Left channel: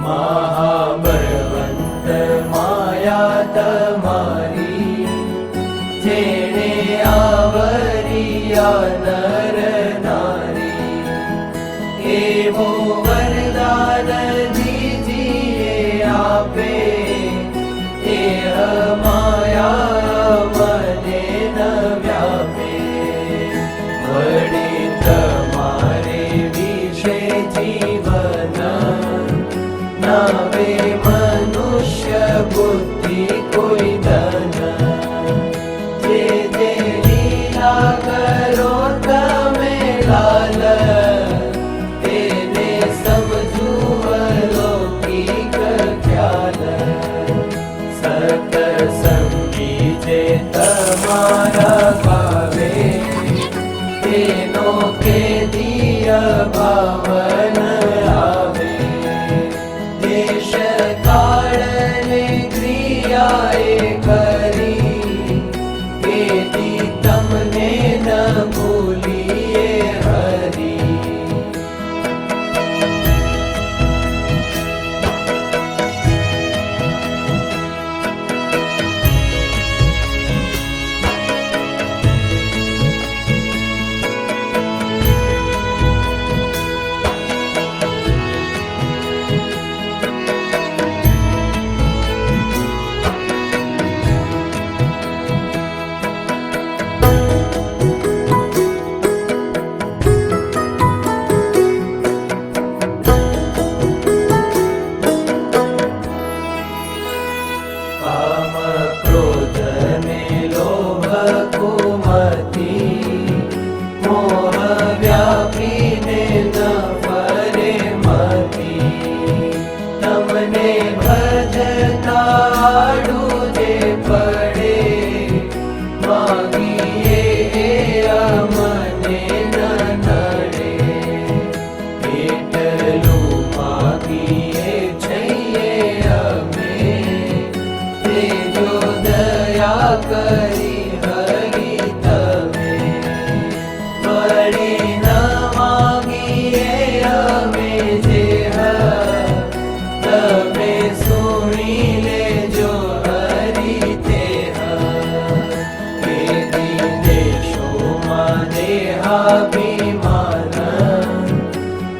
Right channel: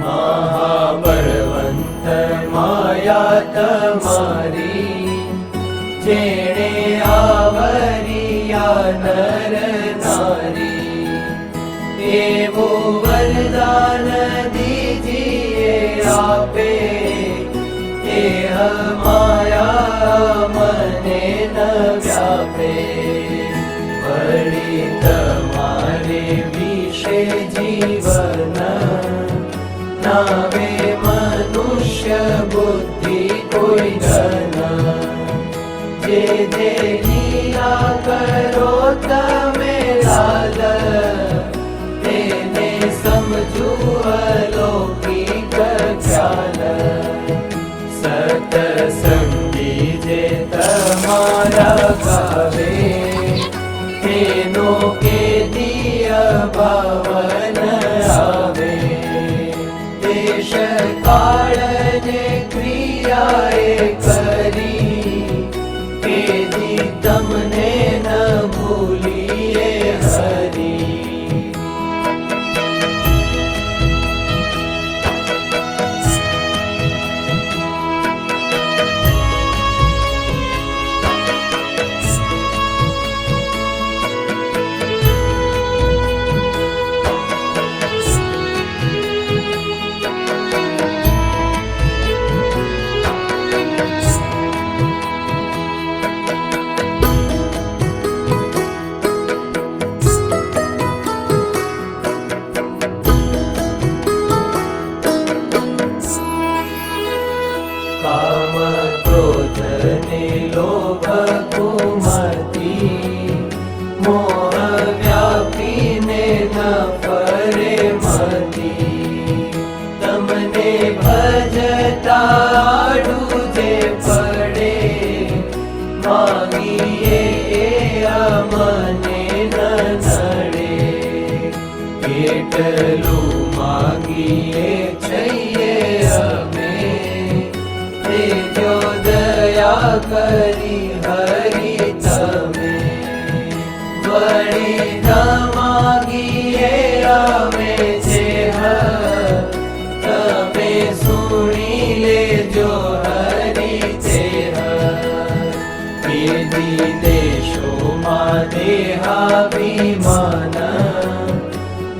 महाबलवंत माया तमारी, जेणे आवरिया नर नारी, एवो वरदान दीजिए आपे, एह माया मने न व्यापे। वड़ी तमारे विषे जीवन, नावे मनुष्य बुद्धि कोई धन, जे जे लीला करो तमे लाल, तेने समझू अलौकिक ख्याल। सतसंगी जे तमारा गावे, तेनो के दिया भावन आवे। देश काल ने क्रियाए करी, केदी तमने न भूलिए हरी। काम क्रोध ने लोभ कुमति, मोह व्यापी ने न परे मति। तमने भजता डूजे पड़े, मांगिए अमने न नड़े। એટલું માગીએ છઈએ અમે, તેજો દયા કરી હરી તમે। વળી ન માગીએ અમે જેહ, તમે સુણી લેજો હરી તેહ। કેદી દેશોમાં દેહાભિમાન,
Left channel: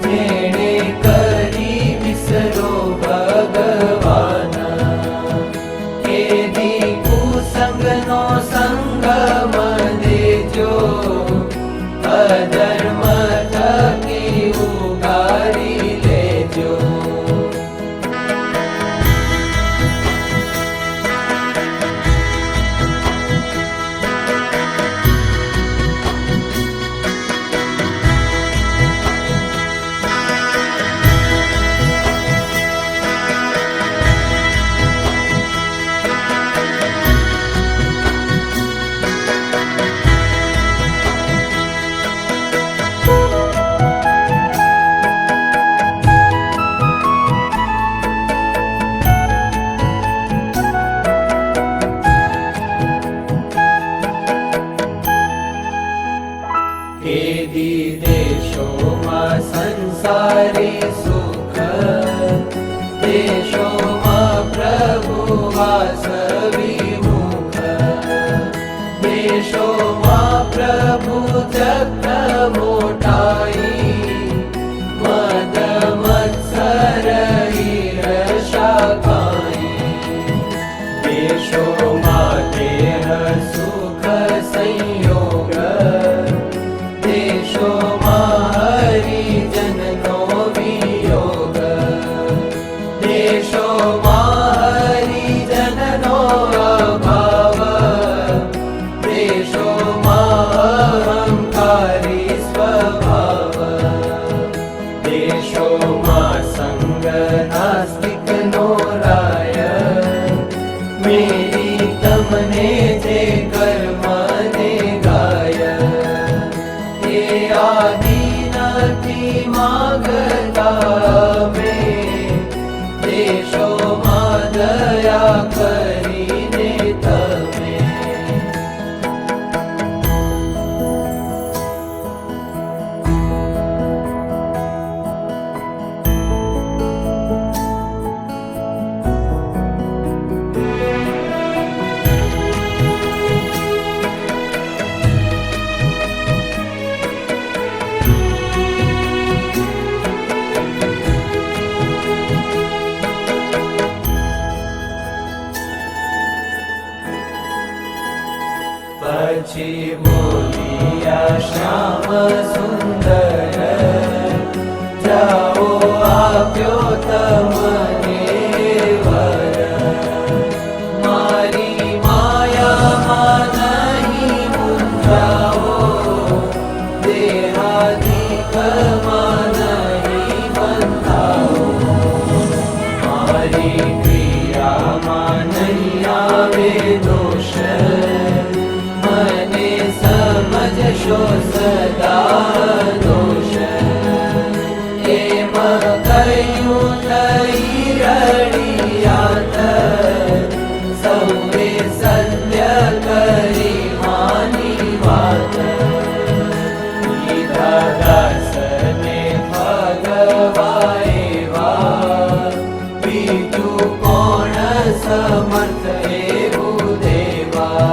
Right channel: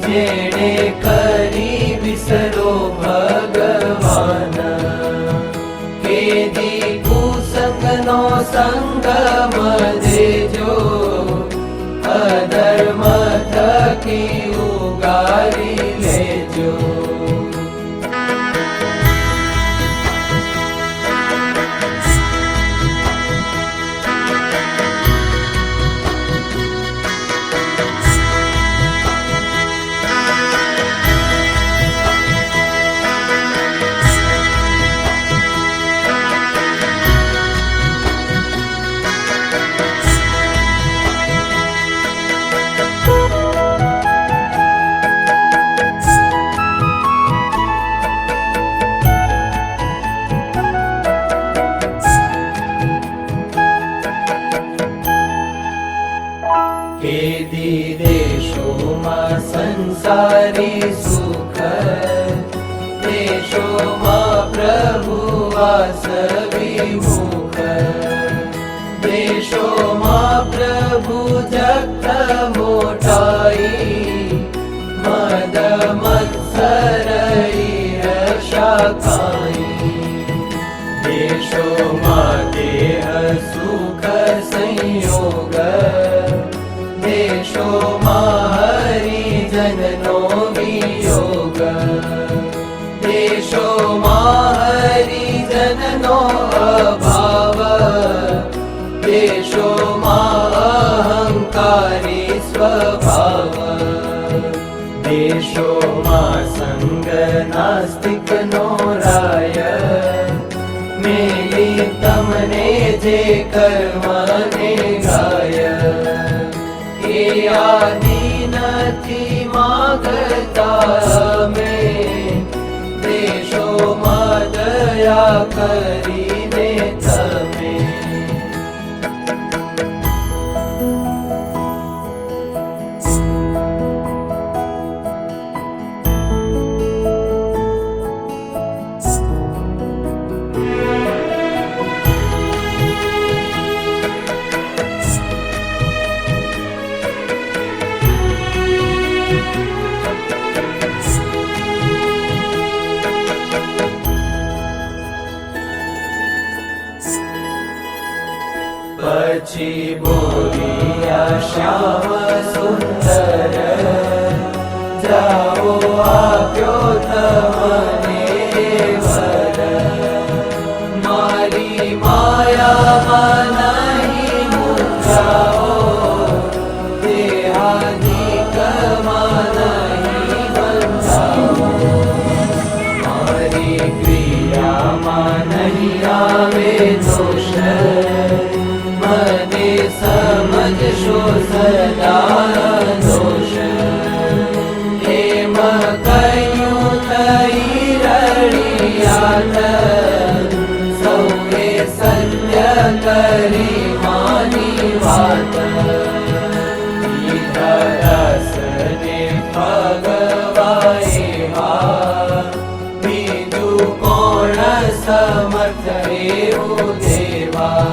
જેણે કરી વિસરો ભગવાન। કેદી કુસંગનો સંગ દેજો, અધર્મ થકી ઉગારી લેજો। કેદી દેશોમાં સંસારી સુખ, દેશોમાં પ્રભુ વાસ વિમુખ। દેશોમાં પ્રભુ જગત મોટાઈ, મદ મત્સર ઈર્ષા કાઈ। દેશોમાં દેહ સુખ સંયોગ, દેશોમાં હરિજનનો વિયોગ। દેશોમાં હરિજનનો અભાવ, દેશોમાં અહંકારી સ્વભાવ। દેશોમાં સંગ નાસ્તિકનો રાય, મેલી તમને જે કર્મને ગાય। એ આદિ નથી માગતા અમે, દેશોમાં દયા કરીને તમે। પછી બોલ્યા શ્યામ સુંદર જાઓ આપ્યો તમને વર મારી માયામાં નહીં મૂંઝાઓ દેહાધિકમાં નહીં બંધાઓ મારી ક્રિયામાં નહીં આવે દોષ મને સમજશો સદા દોષ એમ કહ્યું થઈ રડિયાત સૌએ સત્ય કરી માની વાત દાસને ભગવાએવા બીજું કોણ સમર્થ એવું દેવા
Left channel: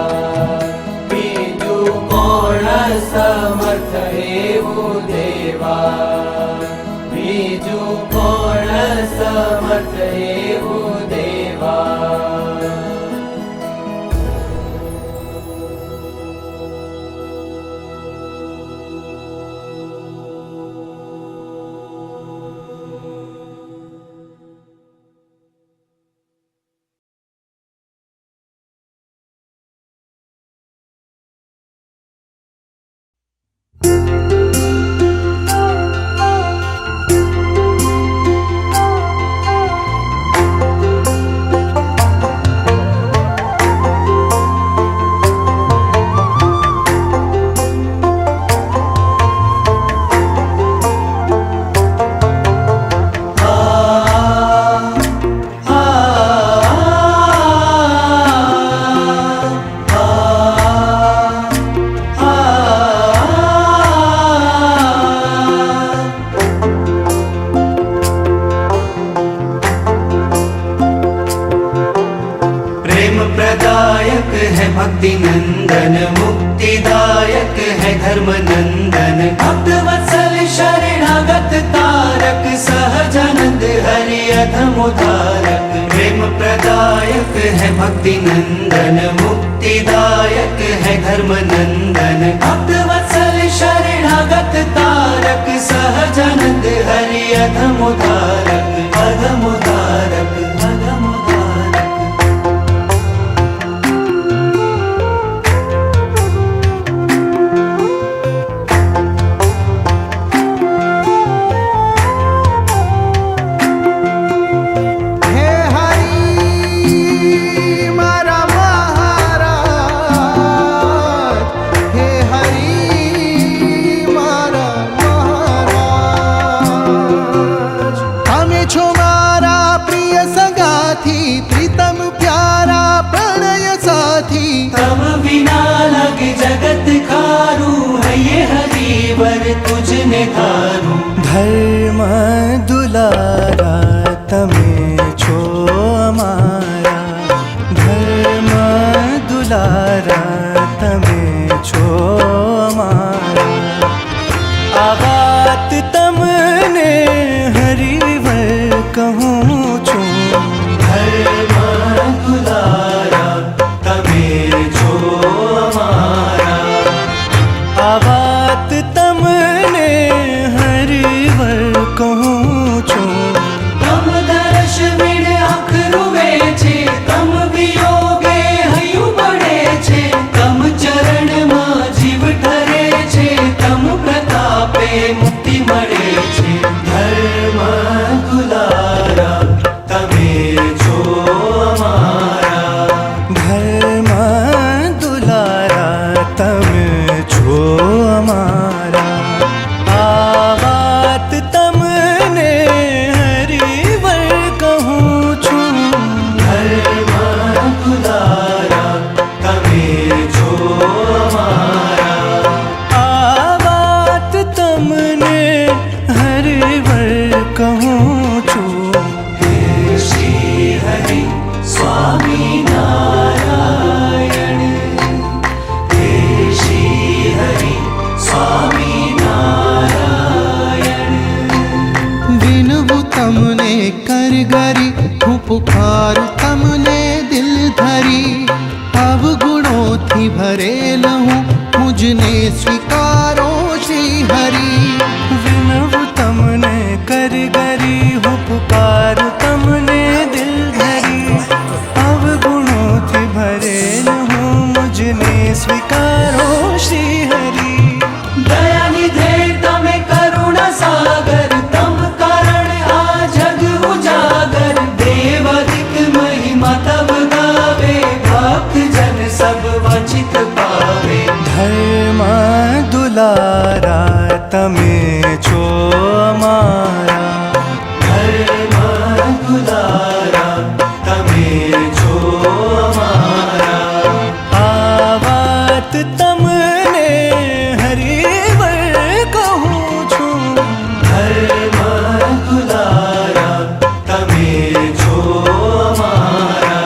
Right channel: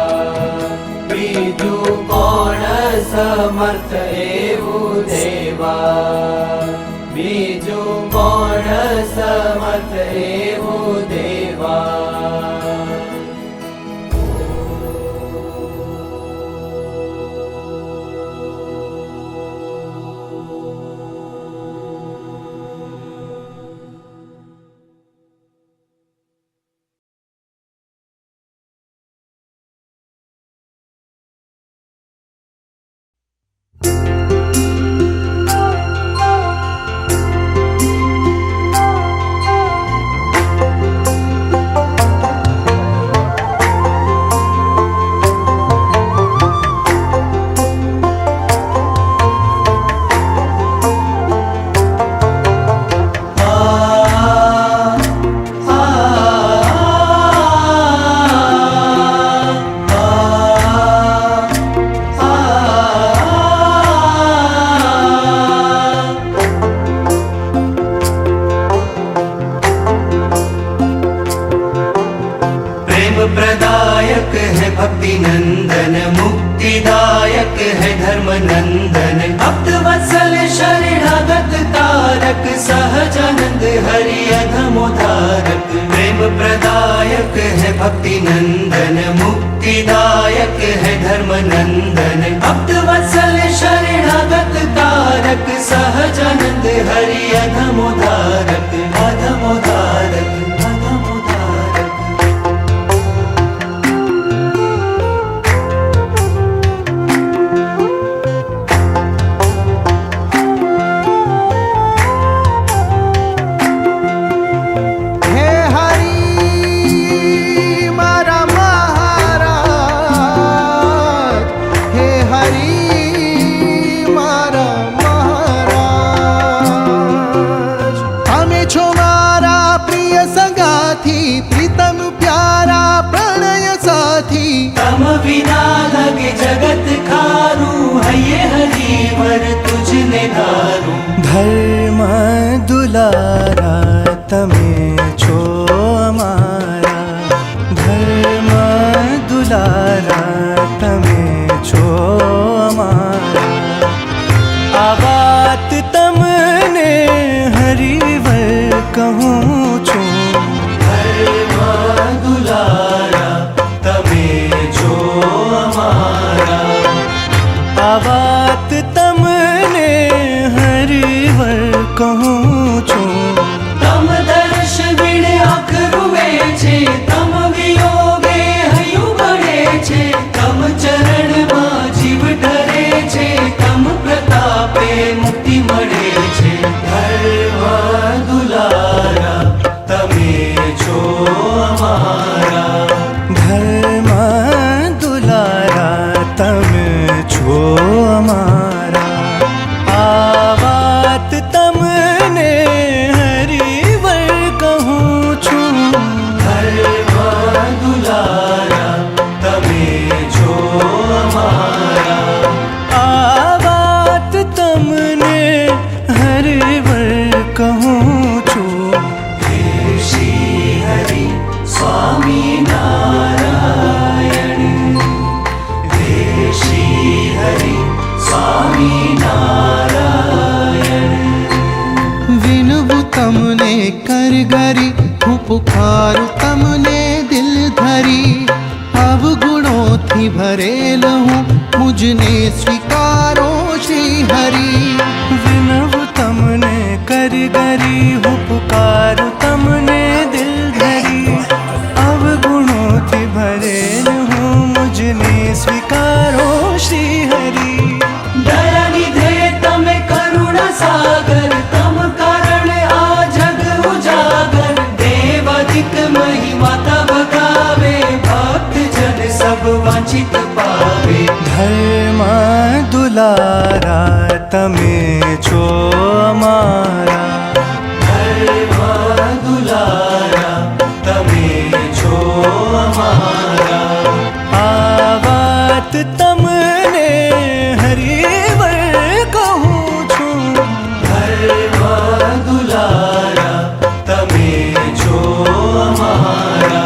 બીજું કોણ સમર્થ એવું દેવા બીજું કોણ સમર્થ એવું દેવા प्रदायक है भक्ति नंदन मुक्तिदायक है धर्म नंदन भक्त वत्सल शरणागत तारक सहजानंद हरि अधमोधारक प्रेम प्रदायक है भक्ति नंदन मुक्तिदायक है धर्म नंदन भक्त वत्सल शरणागत तारक सहजानंद हरि अधमोधारक अधमोधारक प्रीतम प्यारा प्रणय साथी तम बिना लगे जगत खारू है ये हरिवर तुझने धारू धर्म दुलारा तमे छो अमारा धर्म दुलारा तमे छो अमारा आ बात तमने हरिवर कहूँ छूं आ बात तमने हरिवर कहूँ छूं तम दर्श बिन अखरुवे छे तम वियोगे हयु बड़े छे तम चरण में जीव ठरे छे तम प्रतापे मुक्ति मळे छे धर्म दुलारा तमे छो अमारा धर्म दुलारा तमे छो अमारा आ बात तमने हरिवर कहूँ छूं धर्म दुलारा तमे छो अमारा आ बात तमने हरिवर कहूँ छूं श्री हरि स्वामी नारायण श्री हरि स्वामी नारायण विनवु तमने कर गरी हूँ पुकारू तमने दिल धरी અવગુણોથી ભરેલ હું મુજને સ્વીકારો શ્રી હરિ. વિનવું તમને કર ગરી હું પુકારું તમને દિલ ધરી. અવગુણોથી ભરેલ હું મુજને સ્વીકારો શ્રી હરિ. દયા નિધે તમે કરુણા સાગર તમ કારણ આ જગ ઉજાગર. દેવ અધિક મહિમા તબ ગાવે ભક્ત જન સબ વંચિત પાવે. ધર્મ દુલારા તમે છો અમારા. ધર્મ દુલારા તમે છો અમારા. આ વાત તમને હરિવર કહું છું. ધર્મ દુલારા તમે છો અમારા.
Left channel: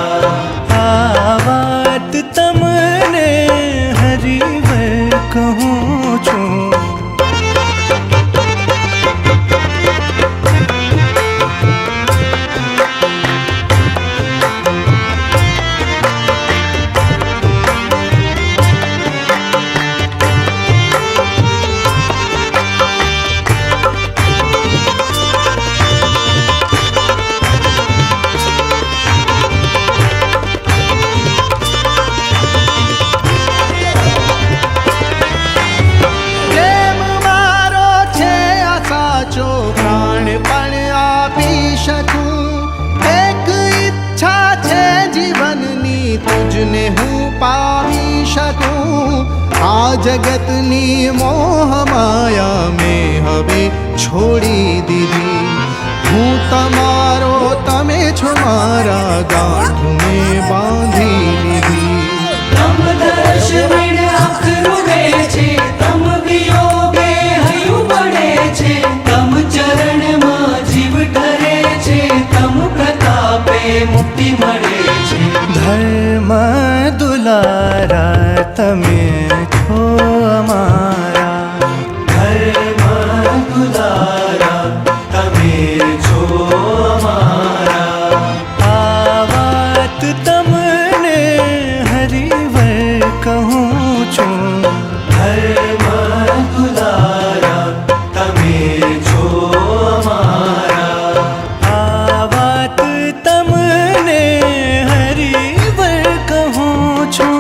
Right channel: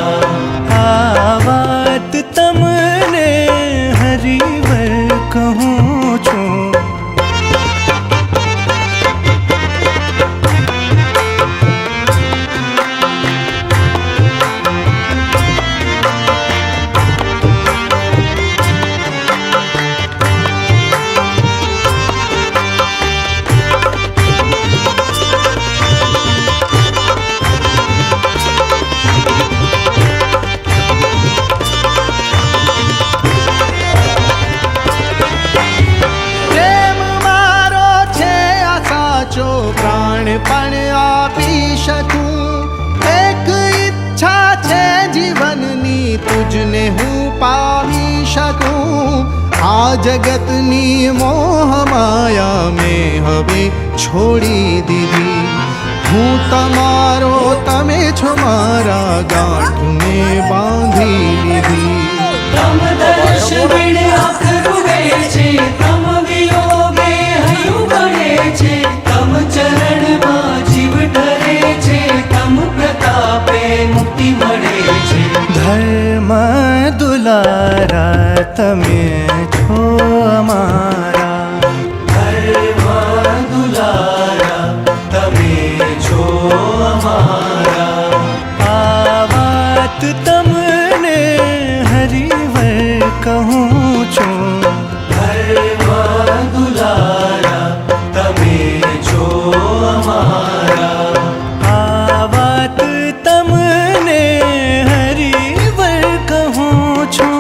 આ વાત તમને હરિવર કહું છું. પ્રેમ મારો છે આ સાચો પ્રાણ પણ આપી શકું. એક ઈચ્છા છે જીવનની તુજને હું પામી શકું. આ જગતની મોહ માયા મેં હવે છોડી દીધી. હું તમારો તમે છો મારા ગાંઠ મેં બાંધી લીધી. તમ દર્શ વિણ અખરુવે છે તમ વિયોગે હયું બળે છે. તમ ચરણમાં જીવ ઠરે છે તમ પ્રતાપે મુક્તિ મળે છે. ધર્મ દુલારા તમે છો અમારા. ધર્મ દુલારા તમે છો અમારા. આ વાત તમને હરિવર કહું છું. ધર્મ દુલારા તમે છો અમારા. આ વાત તમને હરિવર કહું છું.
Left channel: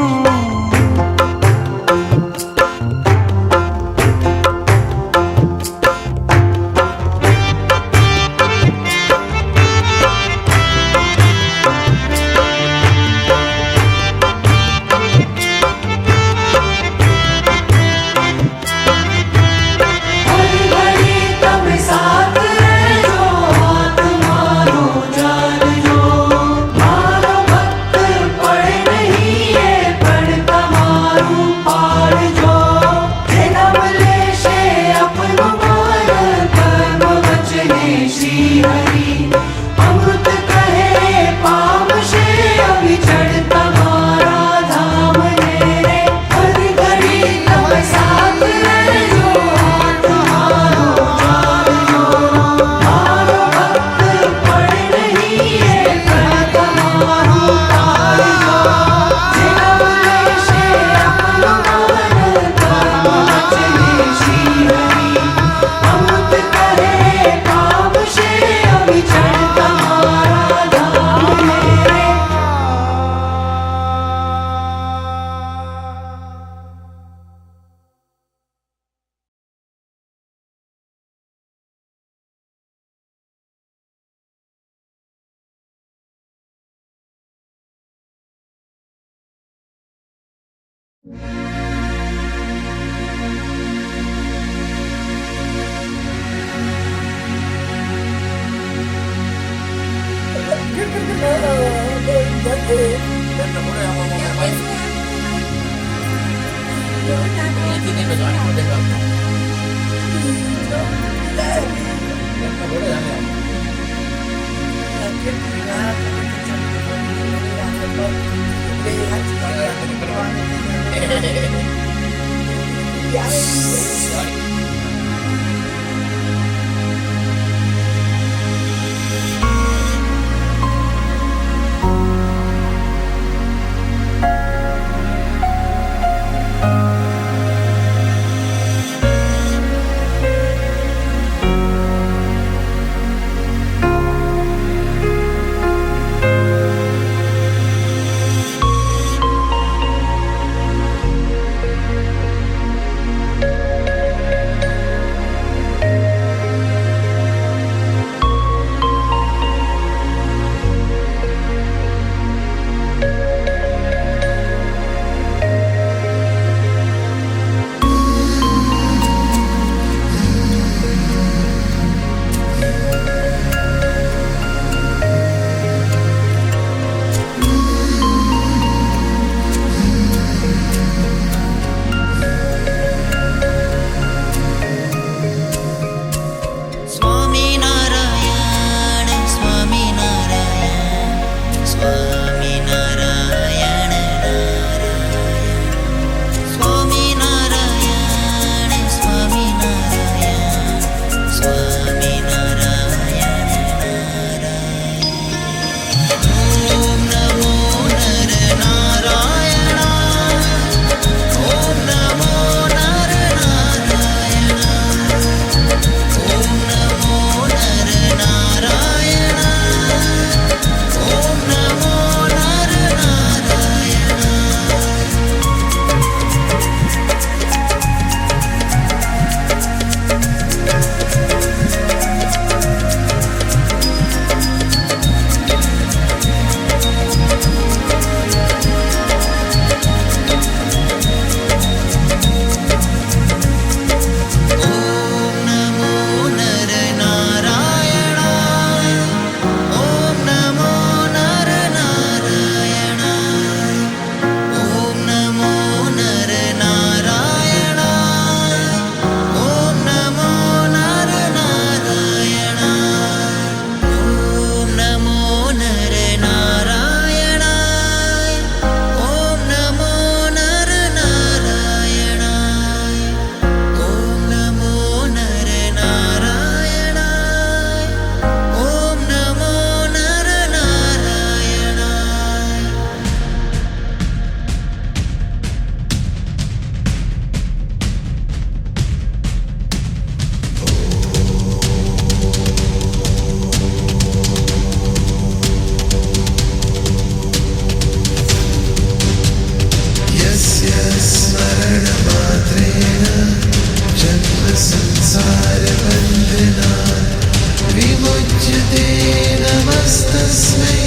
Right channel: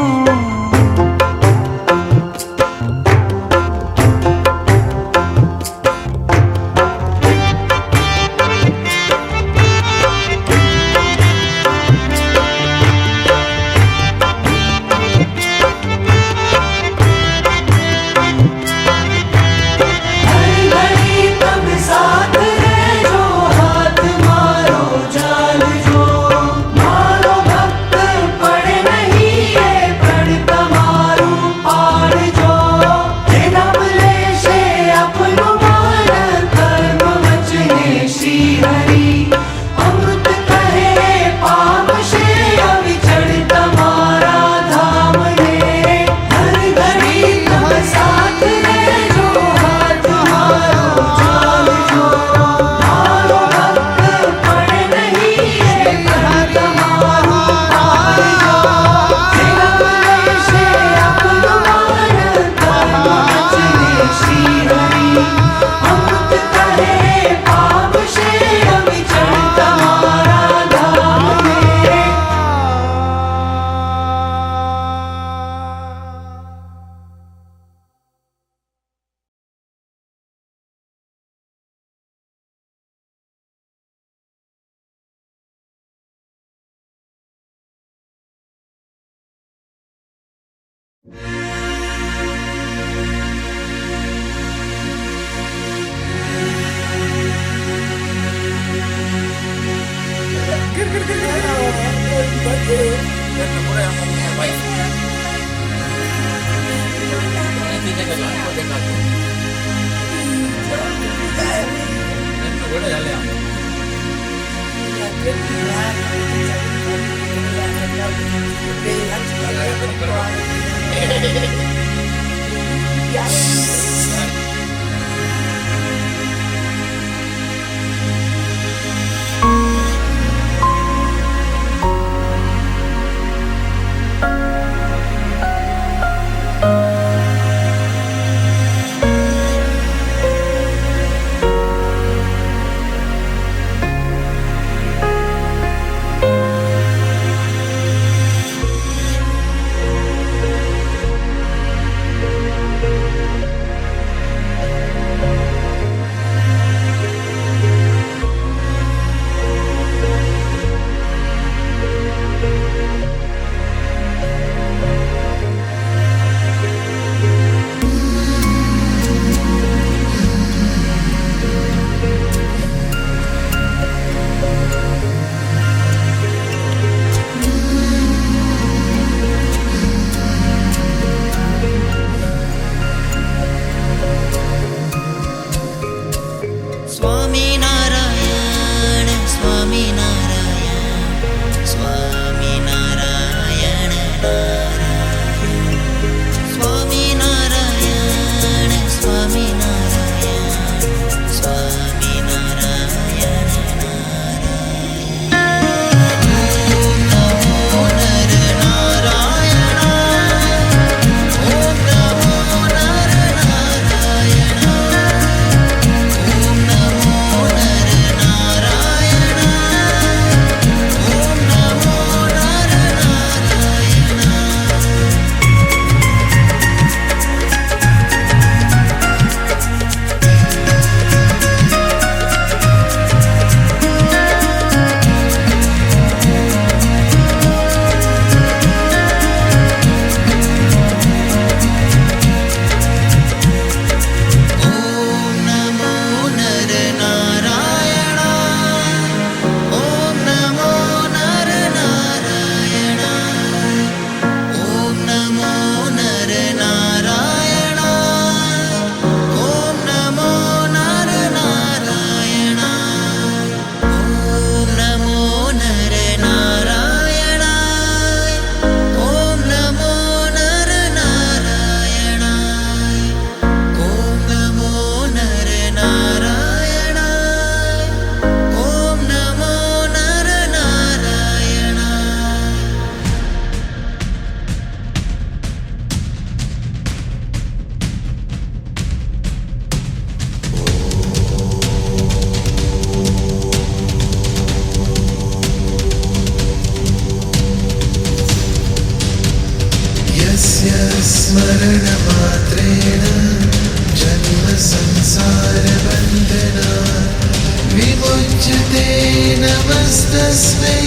नमस्ते नमस्तस्मै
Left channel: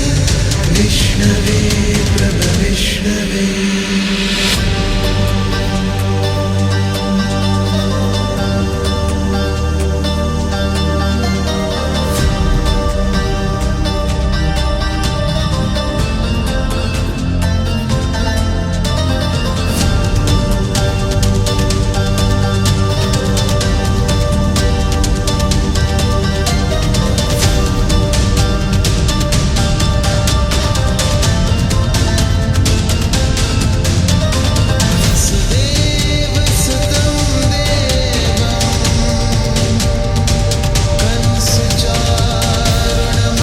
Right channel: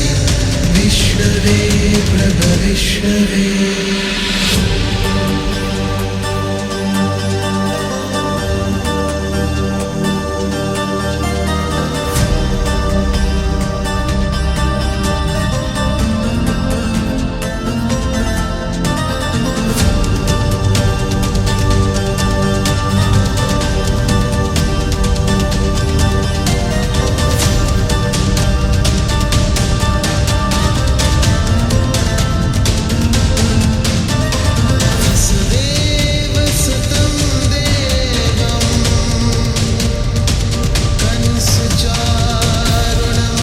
विष्णवे प्रभविष्णवे